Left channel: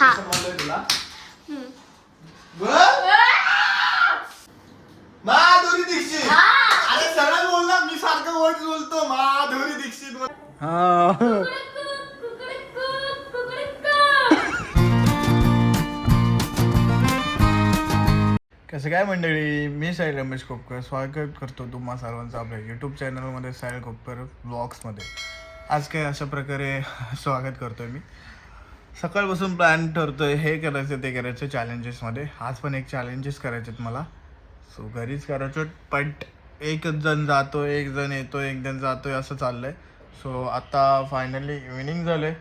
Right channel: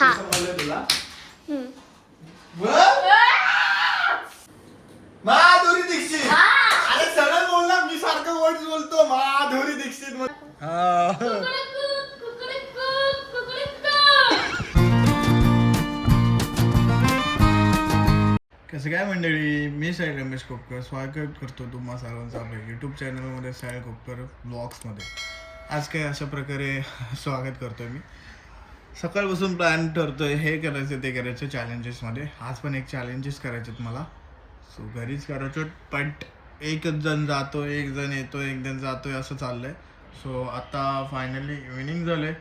हा. समजलं तुला? हम्म. माधुरी दीक्षित. अरे सरळ बोल ना, मी सारखं वर्ड बोलतो. माधुरी दीक्षित. कसं काय मंडळी, मी साहिल रमेश कोपकर स्वागत करतो तुम्हा सर्वांचं आपल्या यूट्यूब चॅनलमध्ये साहिल कोपकर ब्लॉग्समध्ये. आज काय अशा प्रकारे स्वागत करतोय मी. सकाळपासून प्लॅन ठरतोय, हे करायचं ते करायचं चॅलेंजेसमध्ये. आज पण एक चॅलेंजेस करायचे आहेत मला. सो घरीच करायचं, बट एक जण जातोय, एक जण येतोय, एक जण जातोय, असं चाललंय. सो आता फायनली इव्हिनिंग झाले.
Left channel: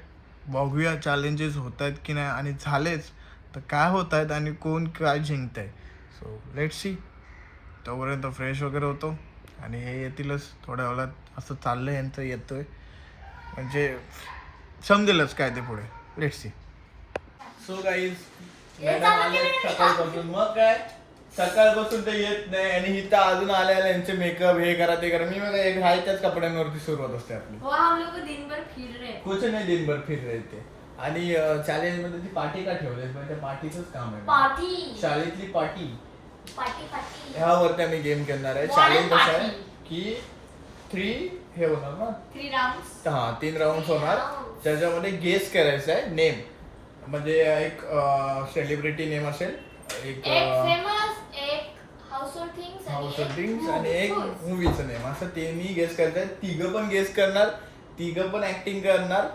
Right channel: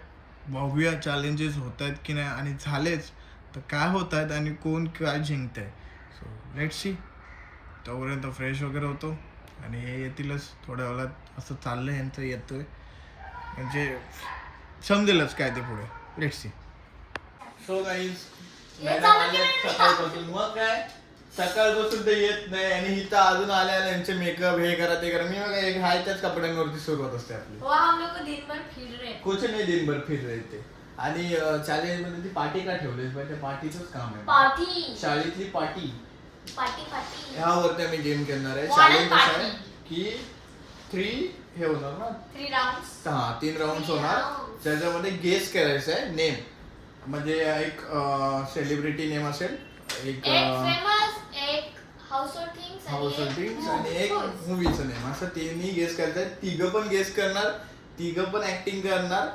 बघूया चॅलेंजेस होत आहेत की नाही, आणि झालेच तर काय होत आहेत आणि कोण काय जिंकत आहे. So let's see. तोपर्यंत फ्रेश वगैरे होतो आणि हे येतीलच थोड्या वेळात. असं चाललं आहे यांचं, येतोय म्हणजे समजेलच काय ते पुढे. Let's see. सो गाईज सकाळपासून, मग काय सकाळपासून ते येत नाही आणि इथं अजून आल्या यांचे मेकअप हे करा ते करा. मी मग एक हाय त्याच कपड्यांवरती सुरुवात असते आपली. कुछ नाही दिनभर फिर रहे ते. आणि चॅलेंज मध्ये ती पार्टी का ठेवली, त्या पार्टीचंच काम आहे. पार्टी, शाळेतली पार्टी. पार्टी ह्यावरती आम्ही गेम खेळणार आहे. चॅलेंज असं आहे की 3 हे होणार ना, 3 राउंड्स. हा 3 राऊंड होणार. त्याच्यामध्ये गेस करायचं आहे नेम. म्हणजे एक सेलिब्रिटी नेम असेल, एक फेमस, एक हाऊसहोल्ड थिंग्स आणि एक मूवीचं नेम. असं तिन्ही गेस करायचं. तिघं पण गेस करणार, तिघं पण ऍक्टिंग करणार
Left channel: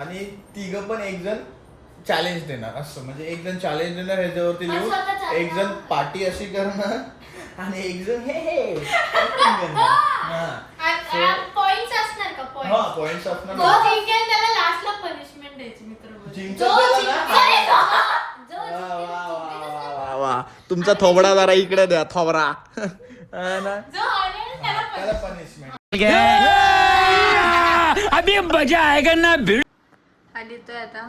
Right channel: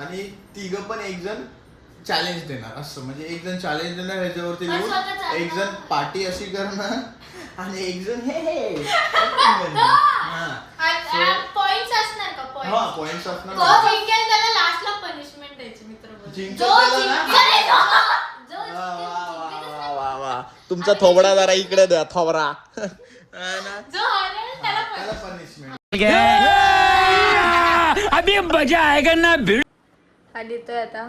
आणि तिघं पण एक जण चॅलेंज देणार. असं म्हणजे एक जण चॅलेंज देणार ह्याच्यावरती लिहून, एक जण पार्टी अशी करणार आणि एक जण हे पॉइंट्स असणार का? पॉइंट्स असणार. जो जिंकेल त्याला लास्टला पनिशमेंट द्यायची मित्र. तुमचा थोबडा जरा इकडे द्या, थोबडा. त्याला पनिशमेंट. अभी मजा आएगा ना भिड़. आली तर आता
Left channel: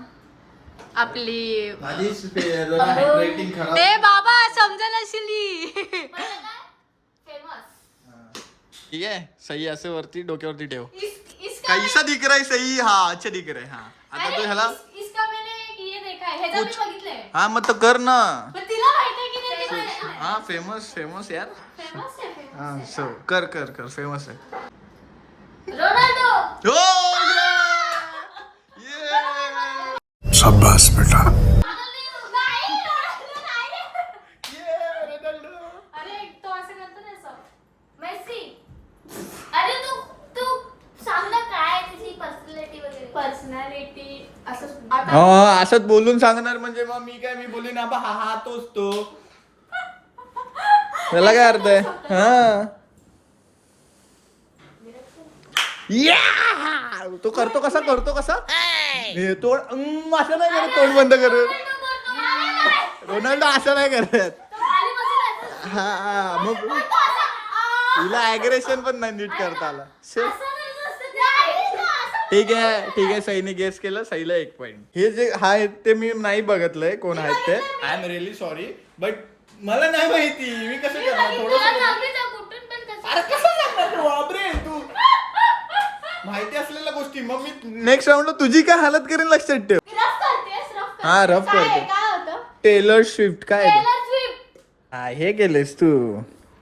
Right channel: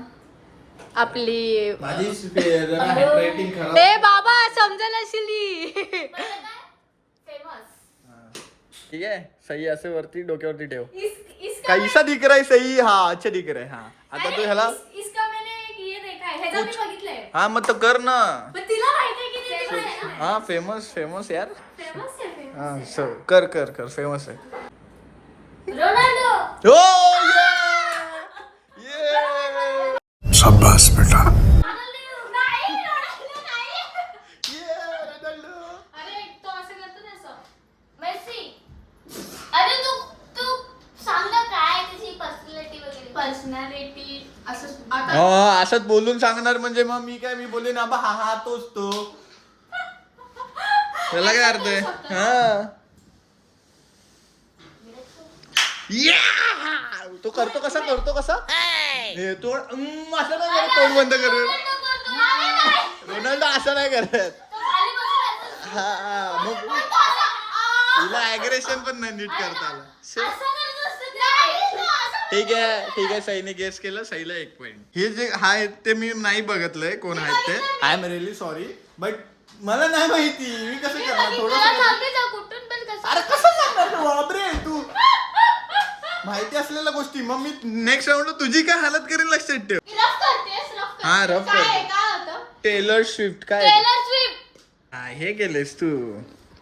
आपली जरा हँडरायटिंग खराब. ए बाबा समजायला असेल. ठीक है, सही ऐसे वरती डोक्यावरती ठेव. कैसा दिख रहा है? सही. हा, अच्छा दिख रहा है. हा, आता तू ह्याला इसका मैंने ये देखा है, ह्याच्यात मी बघितलंय. हा मग तो कर ना. पण तिला माहिती आहे की नाही ते बघायला. हा फेमस यार. फेमस आहे. हा सो कर फेमस आहे. रोनाल्डो. हो शाबाश बेटा. अरे तो असं करतो ना, असं मेसी. अरे तू सांग ना काय त्याची पर्सनॅलिटी वगैरे. पर्सनॅलिटी असं आता असंच बोलून सांगणार म्हणजे मग मी काय, मी बोलून आबा हा तोच तो. त्याला काय अर्थ आहे? हा तो करतो कसा तो असं नाही करत. तोंड बंद कर. रोनाल्डो असं नाही करत. हा मग तिला ऍग्रेशन पण नाही नीट करता आला. ठीक आहे सईने गेस केलं. सईला 1 पॉइंट. हे जे आहे ते मी नाही बघितलंय कोण आहेत ते. I am really sorry, but मला नाही माहिती. मी कसं करणार थोडंसं. अरे कसं करणार बापरे तू, माहिती असलेल्या गोष्टी. मग मी नेक्स्ट राऊंडला तुझी काय हालत करेन लक्षात ठेव. हा रफ करते. टेलर स्विफ्ट काय हा हे केलेस तू.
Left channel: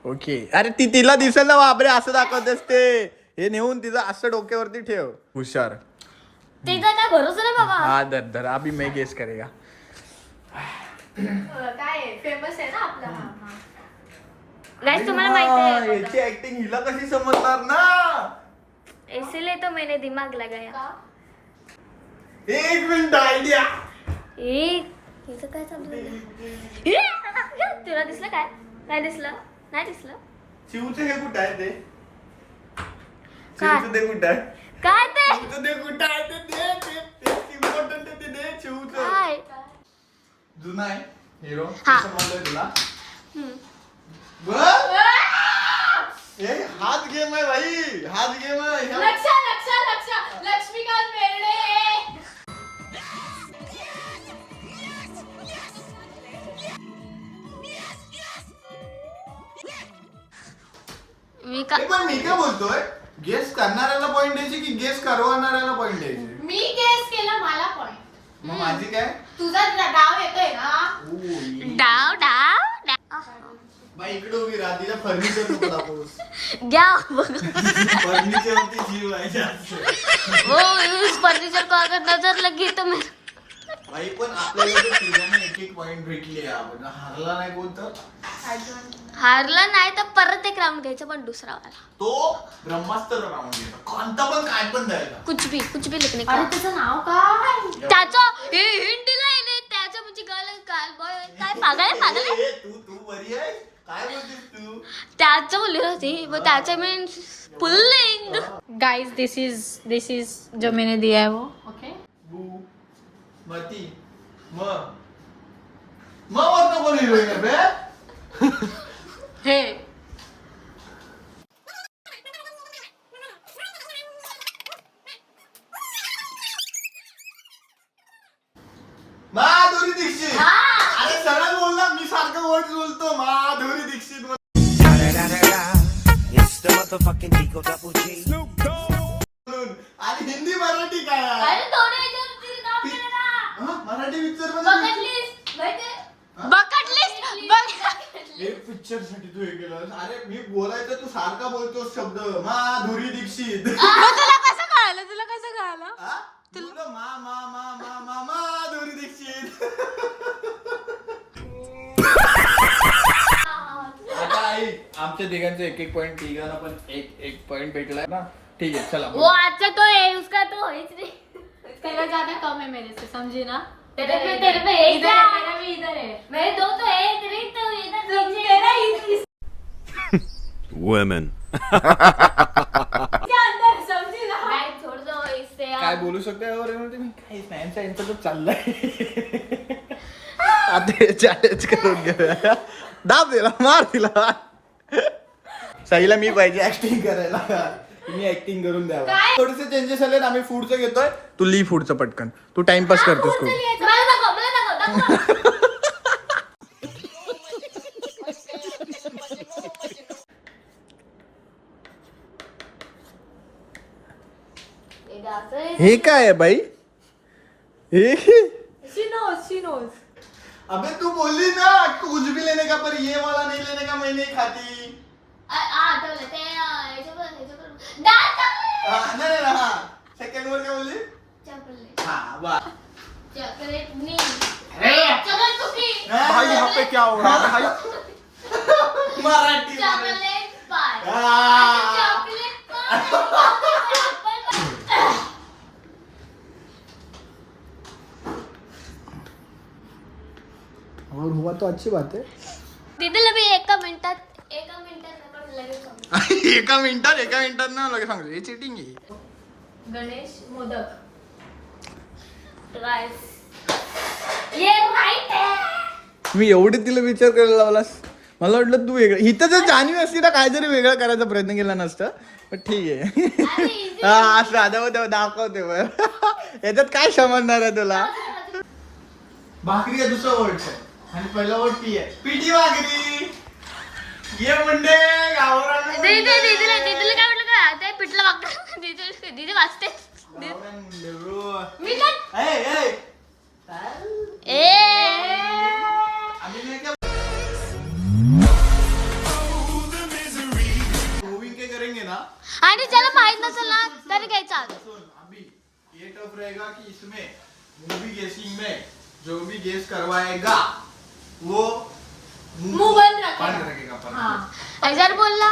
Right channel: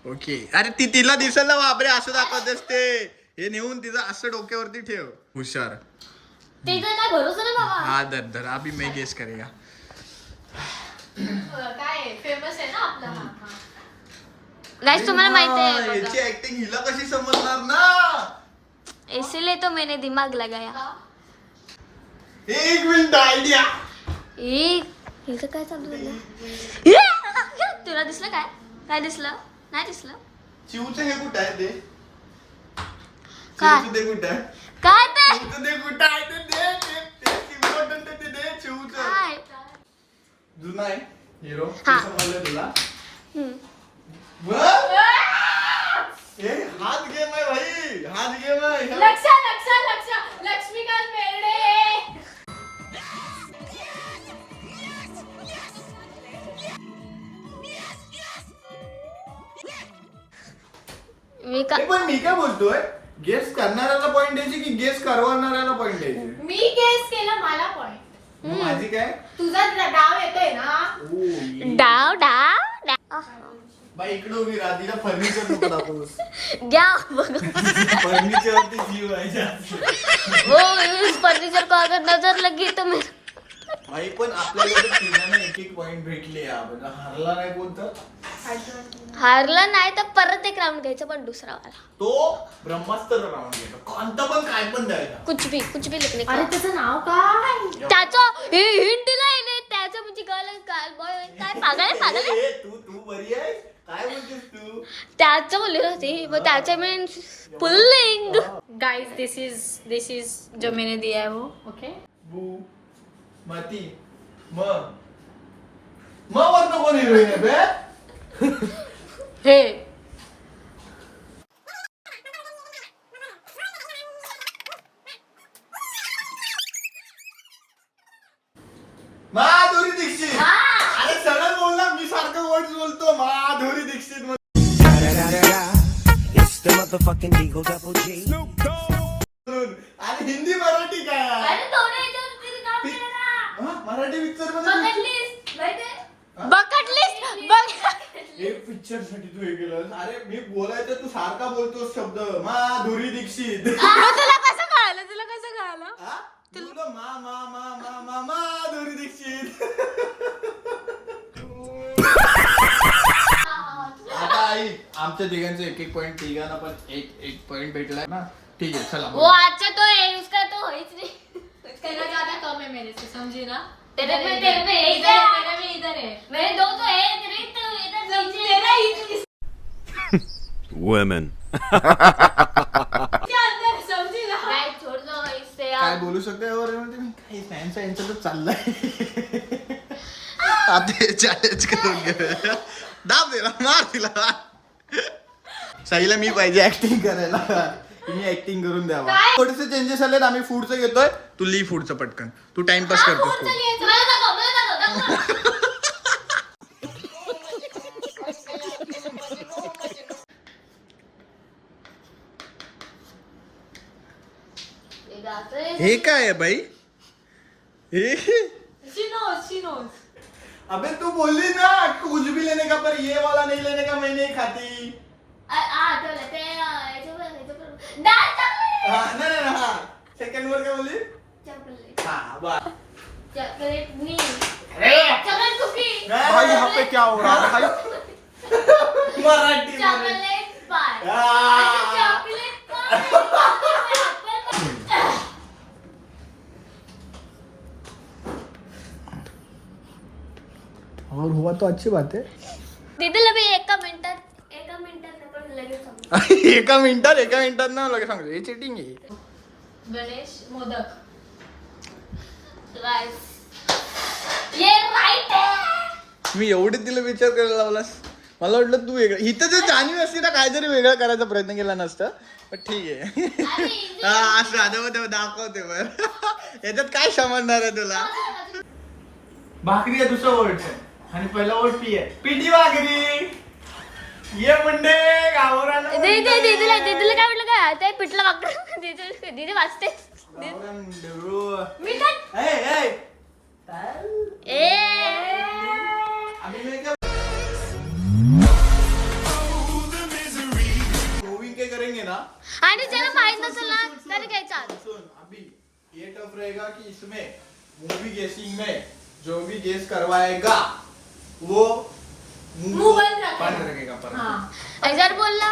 ओके. अरे तिला दिसेल ना बापरे, असं दाखवतेस ते. हे नेऊन तिचं असं डोक्यावरती ठेव. हुशार. हा दर अभी मैं गेस करेगा. काय फेमस आहे ना आपला. गाइस तुम्हाला माहिती आहे याची ऍक्टिंग हिला कशी समजणार ना. इसीलिए तो मैंने दिमाग लगाया. 1 मिनिट आयडिया. हिचं काय चालू. तुला दिसलं काय दिसलं? नाही दिसलं. चिवचे हे कुठं आहे ते? काय? चिवचं ते कुठं आहे? काय ते? चिवचं ते कुठं आहे ते दे. इम्पॉर्टंट आहे ते दे. चिवचं काय? जुना आहे हिरो. हा. समजलं तुला? हम्म. हात गेम आहे भाई, हात गेम आहे. लक्ष लक्ष्मीकांत बेर्डे. मी काय बोलतोय, गेस करणाऱ्याला पॉइंट द्यायचे की गेस करवणाऱ्याला पॉइंट द्यायचे? मी गेस केला, मला पॉइंट. मग माझी काय तुझा डाव येतोय ना. डाव बाई इकडे उभी राधिका फर्निचर नको दाखवूस. घ्या फर्निचर वरती जीव आहे जास्त. वो फर्निचर को अगर नजर लगी तो मैं आई पण आपल्याला तिघांना एक पॉइंट भेटले आपण हारला नाही कोणतं. हारला नाही तर परत एक राऊंड घ्यायचा पण दुसरा वाला. तो ब्रह्मास्त्र राऊंड घ्यायचा कोणता पण काय पण द्यायचा. कुछ भी लिखने का. अरे त्याचं नाव काय? त्याचं हे हिंट काय नाही त्याचं म्हणजे काल बॉय काय पागल ए, तू बरी आहे काय बोलतेस तू. त्याचं बोलली होती मग त्याचं मीन्स पुल्लिंग. गाइस दिस इज जो मैंने दिया है वो ओके. बू माती वरनं कोण हिरोईन आहे बे. हे माधुरी दीक्षित. अरे सरळ बोलला मी सारखं वर्ड बोलतो माधुरी दीक्षित. आणि हिंदी मराठी काय आहे? मराठी पिक्चर बकेट लिस्ट एक पिक्चर साठी तू हे केलं. अरे मी बोलायचं तू सारखा बोलतोस शब्द माधुरी दीक्षित. तुला कसं कळालं हा? तुला माधुरी दीक्षित. आता आई आमच्या तिघांचे एक पॉइंट तिघांना पण एक पॉइंट भेटलाय ना. ठीक आहे चला वो आजचा तो है उसका तो है ही नहीं. तेरा ज्यादा कम है मेरे से समझी ना. तेरे पे है इधर है तेरा भी इधर है. मेरे दो तो है तेरे तो इधर तेरा ही Women. क्या अंदर समझी ना. गाइस छोड़ दो इससे काय आप. बोलू शकते यावर तुम्ही काही फॅन्स यांचं तर चाललंय. आता चॅलेंज करून घेऊया. दाब दिला मार दिला. साईला मी पाहिजे ऍक्टिंग करायला. तुम्ही ऍक्टिंग करून द्यावा. थोडेसे चेंजेस आलेत आम्ही फूडचं घेतोय. तू ली फूडचं पटकन तू टाइमपास करतोस तू. मला दाखव. हे काय आहे बाई हे. शी नोज. अबे तू बोलली ना कुछ भी लेने का पर ये वाला नहीं लेने का मैं नहीं खाती. आठवलं ते डाळ चांगली हा नाही हा सेकंड वर काय बोलली. चॉकलेट हा वा. चॉकलेट मी चॉकलेट कुकी भाई यहाँ पे क्या हो रहा है भाई. मराठी चॉकलेट पाय आ. चॉकलेट पाय. और हुआ तो अच्छी बात है. दीदीला मी एका मिनिटात आपण लगेच सांगू. एका मिनिटात ना लगेच सांगतो हे चिटिंग आहे. गणेश मोदक. राईस ये राईट आहे. मी एवढे तिला विचार करायला लावलास. मला वाटलं तू वेगळं इथं जर जाणीव असती ना काहीतरी वेगळं करायचा प्रयत्न केला नसतं पण ठीक आहे. अरे easy. हा असं दाखवते बर याच्यात काय समजणार आहे तुला. भाकरी आहे दुसरा वर्ड आणि पहिला वर्ड पी आहे. पिठी भाकरी. ये मंडे गावरान दीदीला काय म्हटलं का ते पिठलं वागतं. दीदी वाचते. गावरान मुंडे रो. मी काय ए ए अभी मैं क्या मूविंग के करेंगे ना. आणि ज्याला माहित नसेल ना त्याने घ्यायचा. सुन अभी ये टफ रहेगा कि इसमें मूवी गेसिंग में जो भी गेस करवाएगा वो मुंह बंद रखेगा पर. हाँ. जर बोलला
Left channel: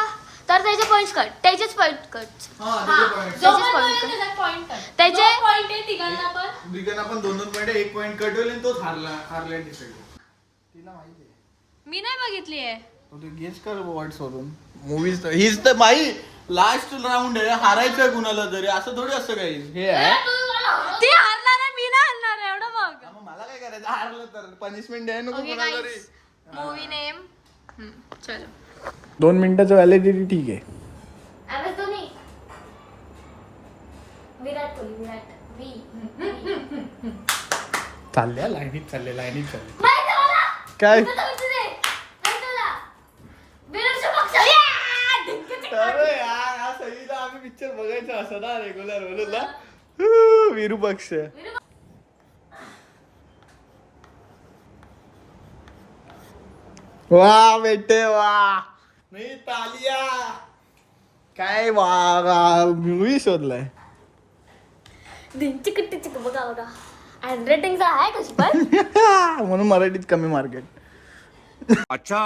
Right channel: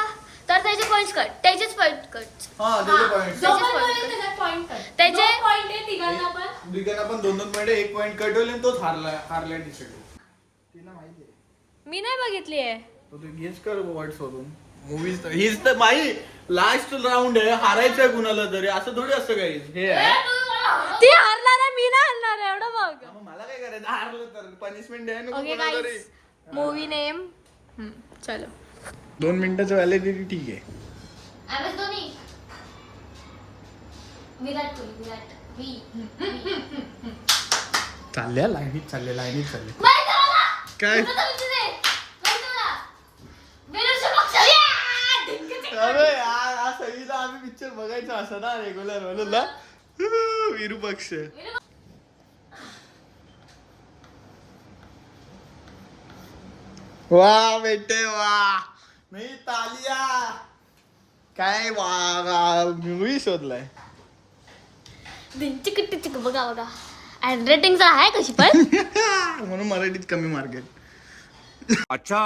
तर त्याचे पॉइंट्स कट. त्याचेच पॉइंट कट. हाँ त्याचे पॉइंट. जो त्याचेच पण point बोलेल कर. त्याचा पॉइंट कर. त्याचे- दोन पॉइंट आहे तिघांना पण. दिघांना पण 2-2 पॉइंट आहे. 1 पॉइंट कट होईल आणि तोच हारलाय दिसेल. तिला माहिती आहे मी नाही बघितली आहे. तो ते गेस कर वर्ड सोडून मूवीज हीच तर माही लास्ट राऊंड आहे. हारायचं कुणाला तरी असं थोडी असतं काही हे आहे. ती हारणार आहे मी नाही हारणार आहे एवढं बघ. मग मला काय करायचं हारलं तर पनिशमेंट आहे नको ओके कोणाला तरी. गाईस मूवी नेम चलो. 2 मिनिटाचं व्हॅलिडिटी ठीक आहे. M S Dhoni. विराट वी चालले लाईनीत चालले माहिती आहे मला. काय तुझं तर विचार आहे. माहिती आहे मला. विराट पक्ष. अरे यार हा संगीता आम्ही पिक्चर बघायचं असं ना रेग्युलर म्हणून ना. विरूपक्ष वा बेटे वा नाही तालिया काय मूवी शोधलाय. चिक बघा बघा हँड रायटिंगचा आहे कशी पण. म्हणून मराठीत कमी मार्केट. अच्छा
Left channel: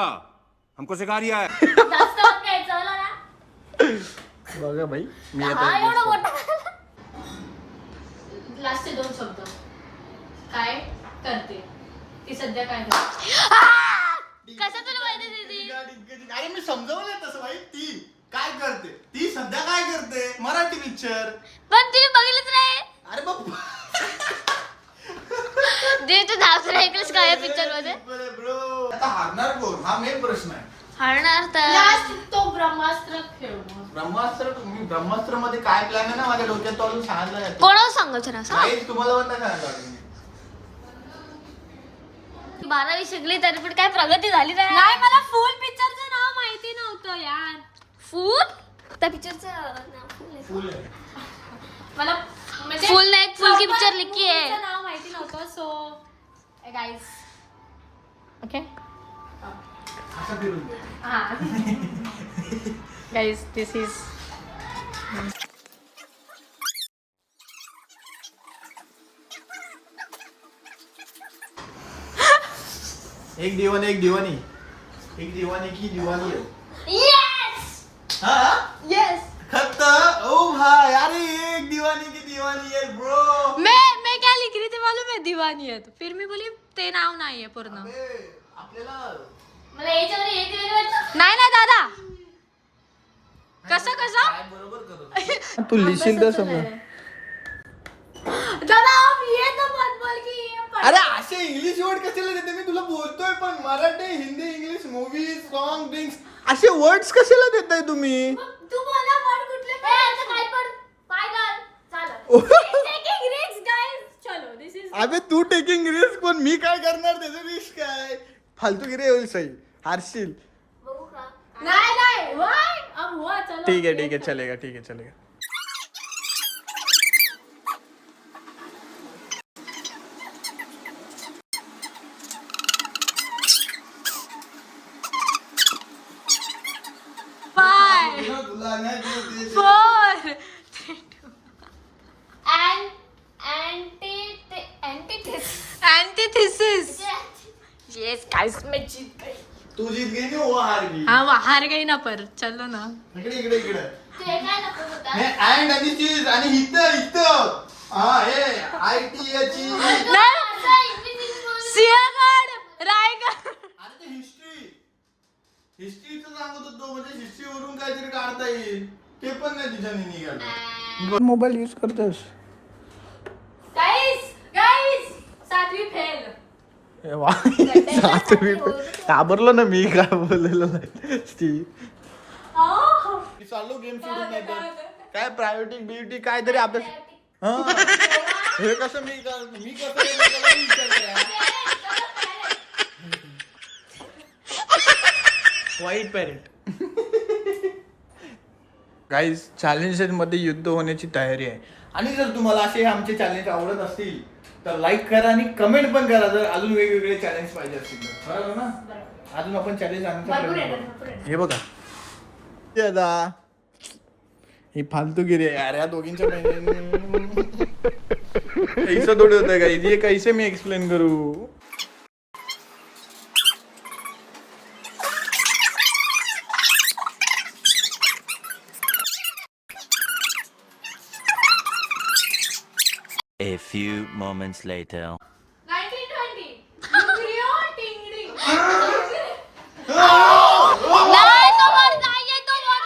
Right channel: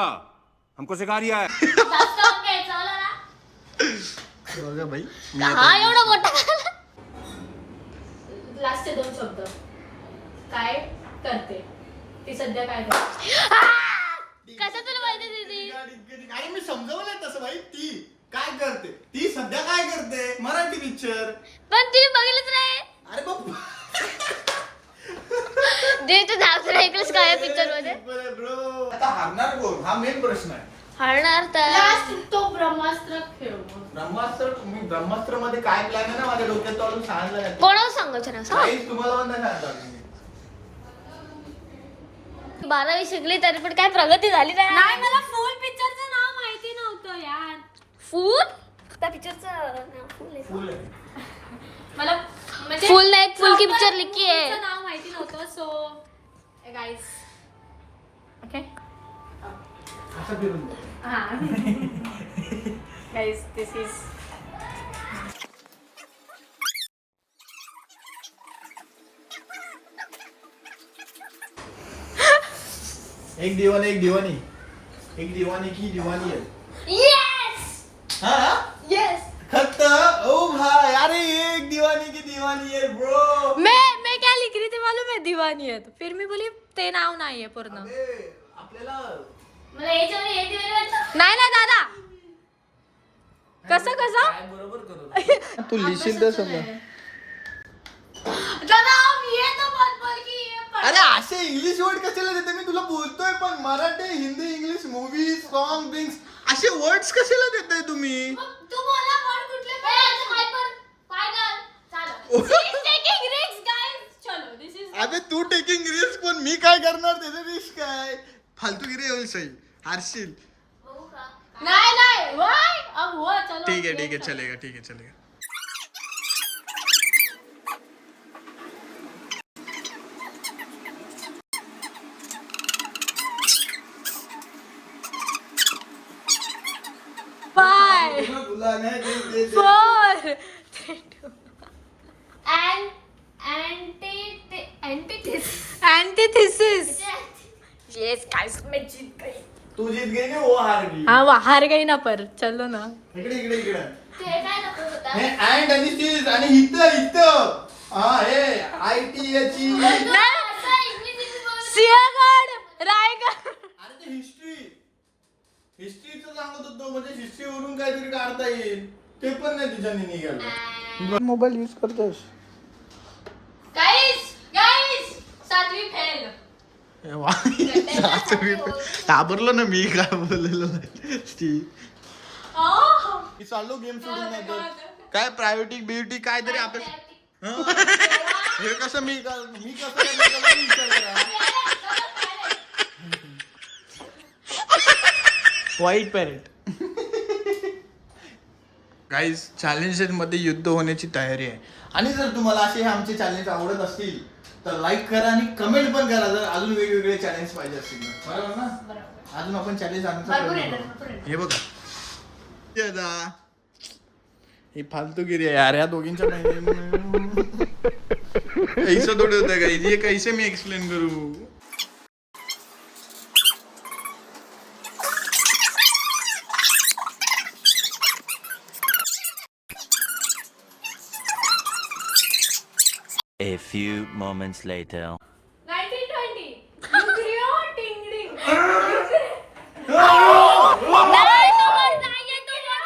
हमको सिखा रिया है. जास्त घ्यायचं मला ना. बघा भाई मी हा एवढा मोठा. लास्टचे 2 शब्द काय करते ती सध्या काय करते. कसं तुला माहिती दीदी. अरे मी समजवलंय तसं भाई. ती काय करते ती सध्या काय करते मराठी पिक्चर. पण तिने बघितलंच नाही. अरे बाबा दीदी तू जास्त ऐकलंस काय पिक्चर मध्ये. ब्रो आता हारणार कोण हा मेन प्रश्न आहे. हरणार तर तो ब्रह्मास्त्र खेळू. ब्रह्मास्त्र मध्ये काय प्लॅन आहे ना माझ्या डोक्यात तो सांगितलं. कोणाला सांगायचं ना काहीच तुम्हाला पण नाही सांगितलं. 12वी शिकली तरी पण काय प्रगती झाली नाही. मला फुल पिक्चरचं नाव माहिती नव्हतं यार. फुल त्या पिक्चरचं नाव फुल आहे. मला म्हणजे फुल नाही फुल की पिक्चर लिखी आहे नाव माहिती नव्हतं. सो गाइस ओके असं फिरून दे. Guys, this is एक दिवानी एक दिवानी की दिवानी है. यस हाँ यस. खत ओ भाई अरे एक दीवानी की दीवानी है ब्रो. मैं क्या लिख रही थी मालूम है. दीवानी है तो फिर मी बोली ते नाव नाही आहे पूर्ण. आपल्याला मला याच्यावर हे दिलं वाटतं. नाही ना दादा कसं काय बरोबर करत. तू लिहिशील तसं. दादा आप ये तो मत बोल की ये पढ़. अरे असे इंग्लिश वर्ड कशाला देते. मी तुला बोलतोय पण Marathi Hindi English movie song drinks असे वर्ड्स कशाला देताय तुम्ही. तू बोला वर्ड कुठले पण काय पण फायनल चलो. Taking risk guys. चलो दिस इज. अबे तू टेकिंग रिस्क पण मी काय करणार त्याचं रिस्क काय. फालतूगिरी होईल सही हारशील. बघू का. नाही व्हाय अब हुआ चलो. ठीक है चलेगा. Five, 4, antithesis. Yes, guys, मैं जीत गई. तू जीत गई कि वो हार गई. हाँ वो हार गई ना पर चलो ना. इकडे ते काय नको होता. हे अँड आणि चीज आणि इथं हा हे ITH. सिंहगड रायगड. अरे ते हिस्ट्रीचं सांगत होतो. म्हणजे हिस्ट्रीवरून काहीतरी काढता येईल ते पण नाही तिच्याने निघालं. मोबाईल यूज करतेस. गाइस 7वी फेल. घाबरलो ना मी काय बोललेलो नाही. चाललो गेम सोडून नाही तर काय प्रायोरिटी ब्युटी काय तरी अभ्यास. हे कसं मी कसं वाईट पॅरेंट. गाईज चॅलेंजेस मध्ये युद्ध होण्याची तयारी आहे. आणि जर तुम्हाला असे आमचे चॅलेंज आवडत असतील तर लाईक करा आणि कमेंट पण करा. जर अजून वेगवेगळे चॅलेंज पाहिजे असतील तर. बरोबर ना. अजून आपण चॅलेंज आणण्याचा प्रयत्न करू. हे बघा दादा ही फालतूगिरी आहे यार. या दोघींच्या पैसा थोडे होत का. ये कैसे मी एक्सप्लेन करू. A few moments later. 1920. टिंगडिंग. नाही तो वर नाही तो वर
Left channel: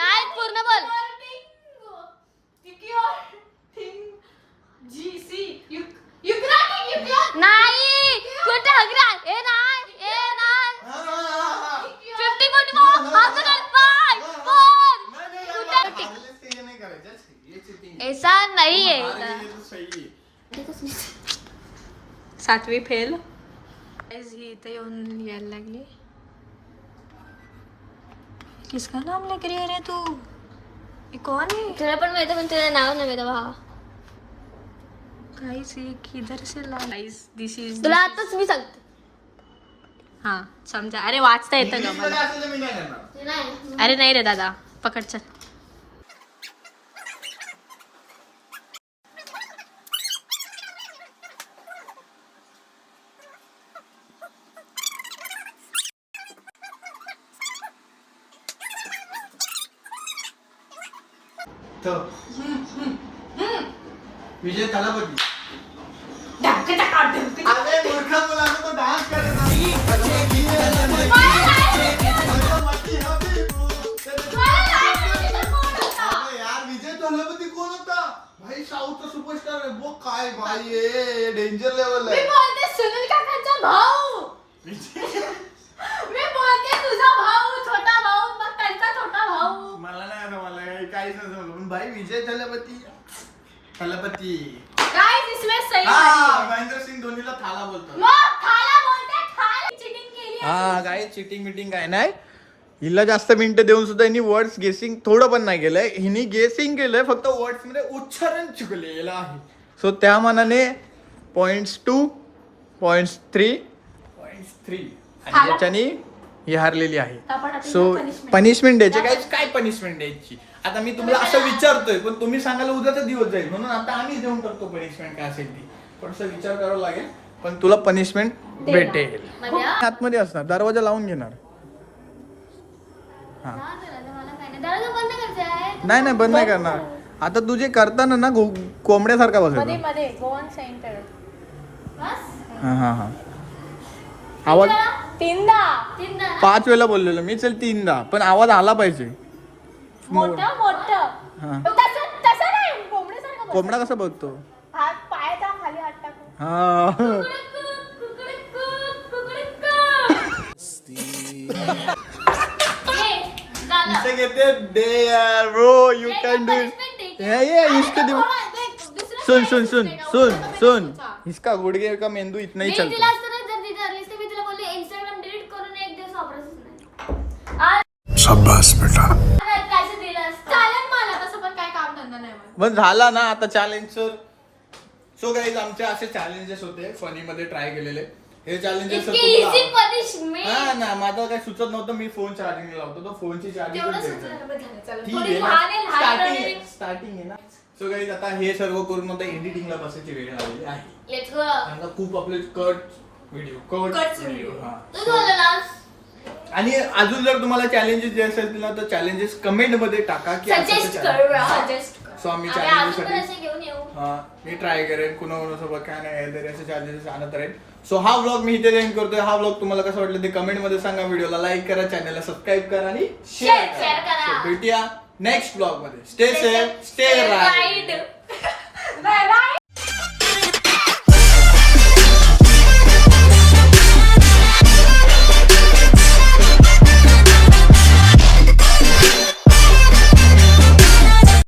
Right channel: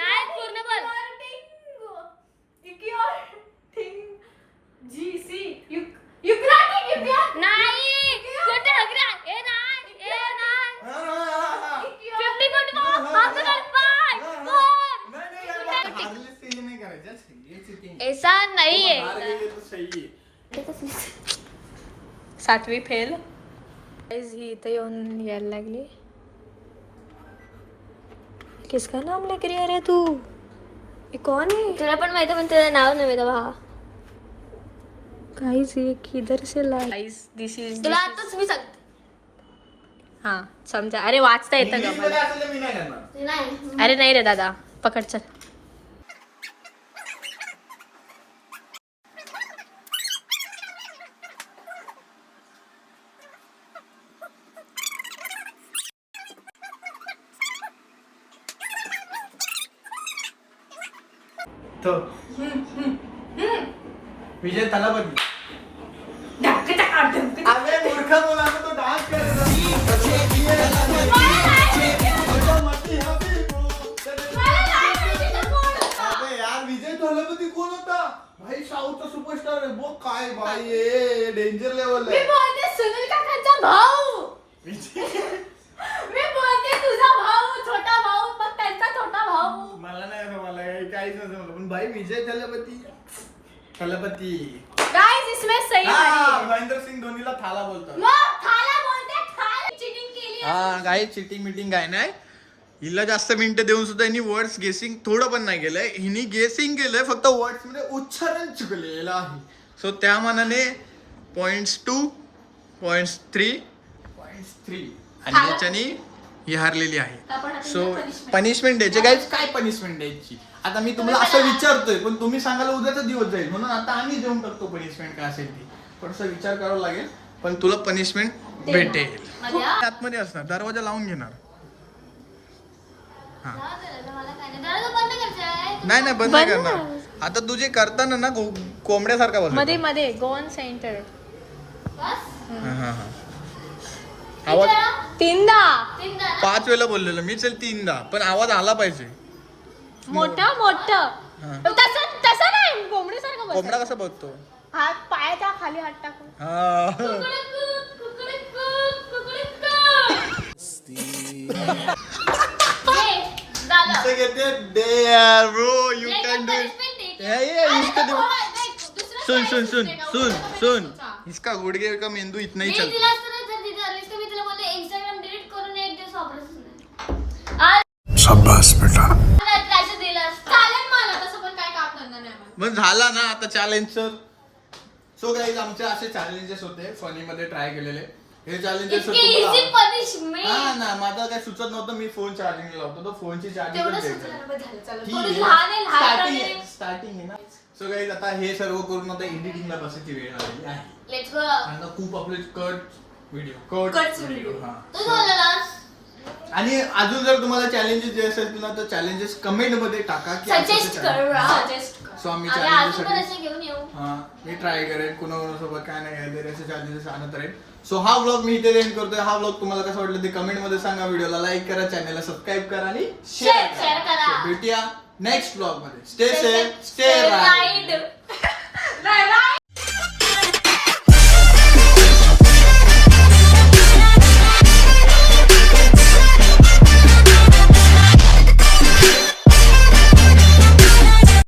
नाही पूर्ण बोल. नाही कुठे हगरा ए नाही 50 ऐसा नहीं है. 7वी फेल. ही इथे येऊन यायला लागली. किसका नाम लेकर रही है तू. ये कौन है. तुला पण माहिती पण तुझं नाव नव्हे तेव्हा. गाइस ये किधर से ला. गाइस दिस इज तुला आताच मी सांगते. हा चमचा. अरे वाचता येतं का इंग्लिशमध्ये मला? असेल तर मी नाही करणार. नाही अरे नाही रे दादा, पकड चल. विजय तलापती. अबे मूर्खा मुलांना तो डान्स यार विजय तलापती कोण होता भाई? साऊथचा सुपरस्टार आहे बो. काय भाई डेंजर लेवल मी आहे. बोलते सुनील काकांचा भाऊ. मी बोलते तुझा भाऊ, छोटा भाऊ, मग त्यांचा छोटा भाऊ. मला नाही आता मला काहीच नाही समजलं पण भाई विजय तलापती. Guys, इसमें सही हा है. महेंद्र सिंग धोनीला थाला बोलतात. मग थाला बोलते, थाला चिटिंग केली आहे. हा काय चिटिंग मिटिंग काय नाही. हिला जास्त मिनिटं देऊन सुद्धा हिनी वर्ड्स गेसिंग थोडं पण नाही केलंय. हिनी गेसिंग केलंय फक्त वर्ड्स मध्ये उच्चारण चुकलेलं आहे. सो त्या मानाने .2 .3 आणि याच्याने ही हारलेली आहे. सो पनिशमेंट द्यायची काय पनिशमेंट द्यायची आता मी तुम्हाला असं विचारतोय पण तुम्ही सांगायला उद्याचा दिवस जाईल म्हणून आता आम्ही देऊन टाकतो पनिशमेंट काय असेल ती. थोडस विचार करावा लागेल पण तुला पनिशमेंट भेटेल. आतमध्ये असणार दरवाजा लावून घेणार. हा मला काय नाही. दरवाजा बंद करताय. नाही बंद नाही करणार. आता तू जे करताना ना कोंबड्यासारखा मध्ये बसतो. मध्ये गोन सेंटर. बस. हा आवाज 3दा. 5 वेळा बोललेलो मी. चल 3दा पण आवाज आला पाहिजे. मोठं हा. तसं नाही कोंबडीसारखं बस. कोंबडा कसा बघतो? हात पायाच्या खाली हात टाकून. हा इसे कहते हैं दे यार ब्रो यू कैन डू सुन इसका गुडघे का मेंदू इतना ही चलता है. इंस्टाग्राम डिलीट करून एक दिवस ऑपरेशन शाबाश बेटा. चालेल मला तसं पण काय काम धंदा नाही मला. मग झाला ना आता चॅलेंज. सो गाईज आमचे असे चॅलेंजेस होते फनी मध्ये ट्राय केलेले. हे चॅलेंजेस इतके इझी पनिशमेंट. हा ना माझा काय सुचत नव्हतं. मी फोन चार्जिंग लावतो तर फोनची चार्जिंग तेवढं पण सुचलं द्यायची. बरं झालं, चला. ठीक थोडी आहे लहान आहे, लहान आहे. स्टार्टिंग आहे ना. सो गाईज आता हे सर्व करून आता एडिटिंगला बसायची वेळ आलेली आहे. Let's go. आता खूप आपले कट व्हिडिओ हा. तू बोललास. आणि अजून जर तुम्हाला चॅलेंजेस जे असेल ना तर चॅलेंजेस कमेंट मध्ये टाका की सजेस्ट कर. सजेस्ट कर. सो आम्ही आम्ही अजून पण चॅलेंजेस असे घेऊन येऊ. हा मी ट्राय करेन कोणाकोणासोबत काय नाही काहीतरी असे चॅलेंजेस आणत राहील. सो हा व्लॉग मी इथे एंड करतोय. हा व्लॉग तुम्हाला कसा वाटलं ते कमेंट मध्ये सांगा. व्हिडिओला लाईक करा, चॅनलला सबस्क्राईब करा आणि शेअर Share करा. करा. So, भेटूया नेक्स्ट व्लॉग मध्ये. Stay safe, stay right. Bye bye.